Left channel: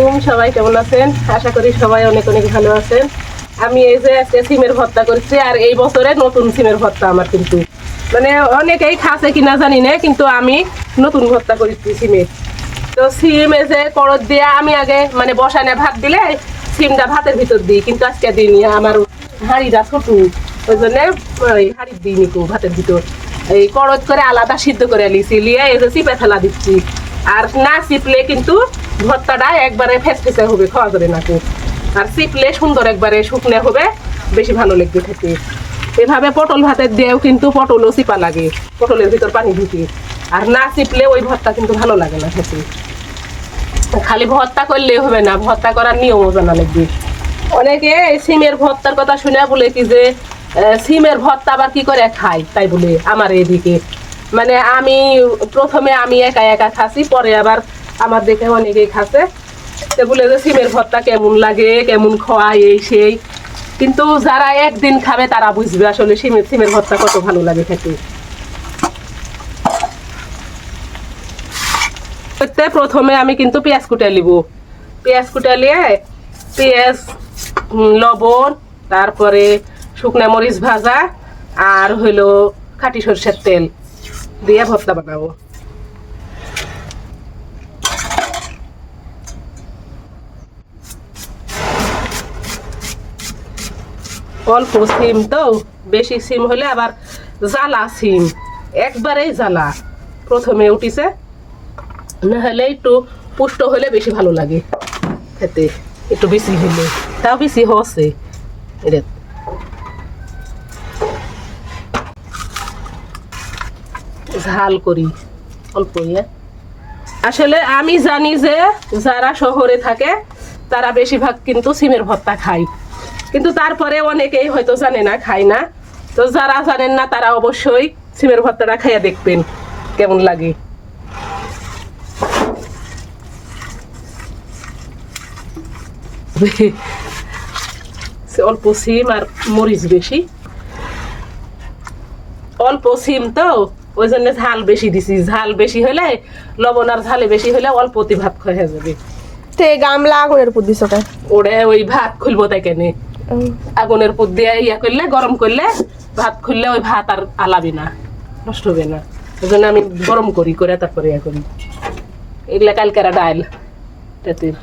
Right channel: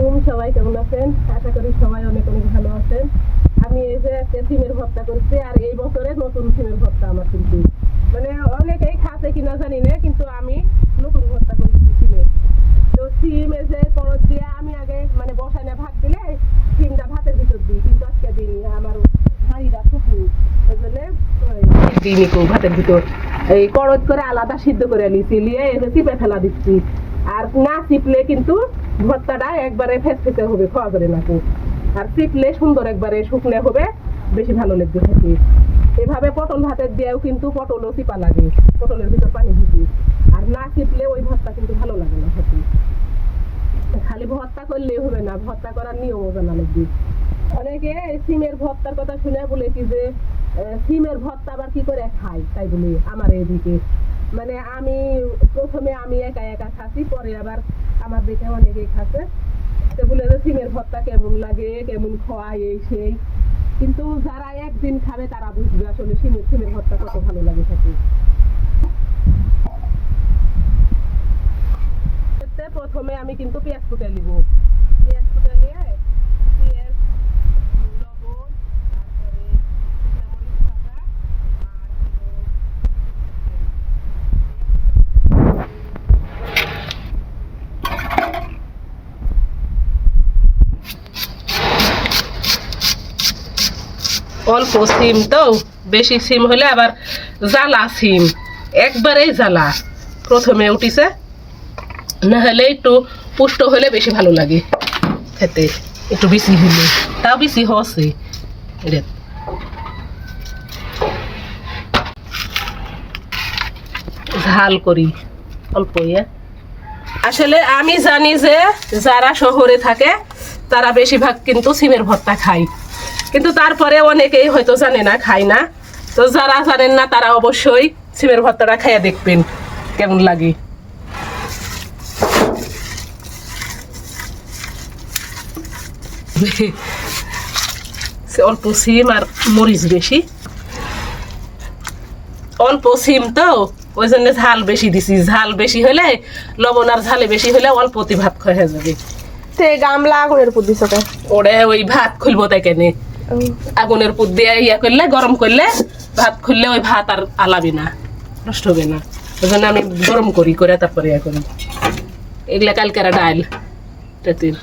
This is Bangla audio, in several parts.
আলাইকুম, সবাই কেমন আছেন? আশা করি সবাই অনেক অনেক ভালো আছেন। আমি এই যে আজকে সিমের ভর্তা করছি, আর এই বছরে নতুন সিমের ভর্তা আমার, কিন্তু মানে অনেকেই খাসে কিনা জানি না, কিন্তু আমি নতুন ভর্তা করেছি সিমের। তো সিম এই যে করদ দিয়ে আমি আগে মানে বসানে ভাত দিলে সিমটা ভাতের ভিতর দিই, কিন্তু আজকে দিইনি, আমার হাঁড়িটা ছোটু, ওই জন্য দিইনি কেউ ভাতের ভিতর। এই করদ করে আলাদা সিদ্ধ করে নিয়েছি, নিয়ে এই যে চিপে ফেলা দিচ্ছি। আর না চিপলে কিন্তু ভর্তাটা একবারে ফেসফেসে হবে, খাওয়া যাবে না খুব। আর চিপলে সুন্দর একবারে শুকনো হবে, বেশি ভালো লাগবে খেতে। এভাবে পটল ভাতের দিয়েও কিন্তু পটলও চিপা লাগে, পটলের ভিতর পানি ঢুকে। আর না চিপলে ওই ভর্তা কিন্তু ভালো লাগে না খেতে। খালি ভর্তা করলে হবে না, ভর্তা করার নিয়মও জানা লাগবে। অনেকে সিমের ভর্তার কথা শুনে বলে কি যে সিমের ভর্তা আবার কি করে খায়, তাই বলে আমার এদিকে মানে আমি প্রথমে আমি একা একা খাসি, পরে আবার আমার দেখে অনেকেই খাসে। সে বলে যে সিমের ভর্তা কেমন লাগে, কেমন খাওয়ায় এই সেই, কিন্তু যারা একদিন খাবে তারা বুঝবে আসলে সিমের ভর্তা কত ভালো লাগে খেতে। প্রথমে আমি কিন্তু পেঁয়াজ কুটে নিব। পেঁয়াজ কুটে নিয়ে পেঁয়াজ, লবণ, তারপরে শুকনা মরিচ ভাজা, আর হইলো খাঁটি সরষের তেল দিয়ে ভর্তা বানাবো। অল্প সিম তো, বেশি সিম হলে আবার জ্বালা সিম, একবারেই জ্বালা প্রথমে উঠিছে, না হলে একটু পুষ্ট হলে বেশি ভালো লাগে খেতে, একটু বেশি হলে, তাও বেশি হচ্ছে এটা। ঝাল করি অল্প। আসলে আমি জানি যে যারা শহরে থাকে তারা বেশিরভাগ কিন্তু সিমের ভর্তা খায়, কিন্তু তারপরে অনেকেই হয়তো জানে না, খায় না। তো যারা জানেন না তারা অবশ্যই সিমের ভর্তাটা খাইয়া দেখবেন কেমন লাগে। অল্প সিম আর মরিচ বেশি, অল্প সিম তো ওই জন্য ঝাল বেশি দিছি। ঝাল বেশি হলে, লবণ আর ঝালে বেশি হলে অল্পতি ভাত খাওয়া যাবে। গামলা আগুনের পুত দিছ ওরে ওই ভাত খুলবো তাই কেন, আগুনের পুত দিয়ে ইয়া করলে, গরম করলে ভাত খুললে ওই ভাত আর আলাবি না, নষ্ট হবে না। ওই জন্য আমি গরম করি, করে তারপরে ইয়া করি। এগুলা কালকেরা ডাল রাতের।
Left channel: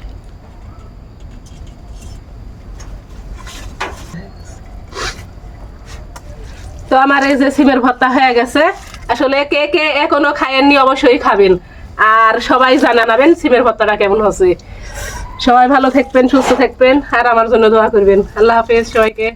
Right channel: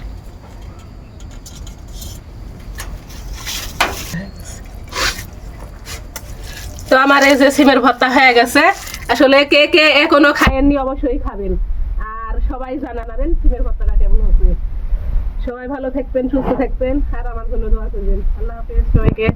তো আমার এই যে সিমের ভর্তা হয়ে গেছে। আসলে কে কে এখনো খায়েননি অবশ্যই খাবেন, আর সবাই জানাবেন সিমের ভর্তাটা কেমন হচ্ছে। সবাই ভালো থাকবেন, সুস্থ থাকবেন, আর আমার জন্য দোয়া করবেন। আল্লাহ হাফেজ সবাইকে।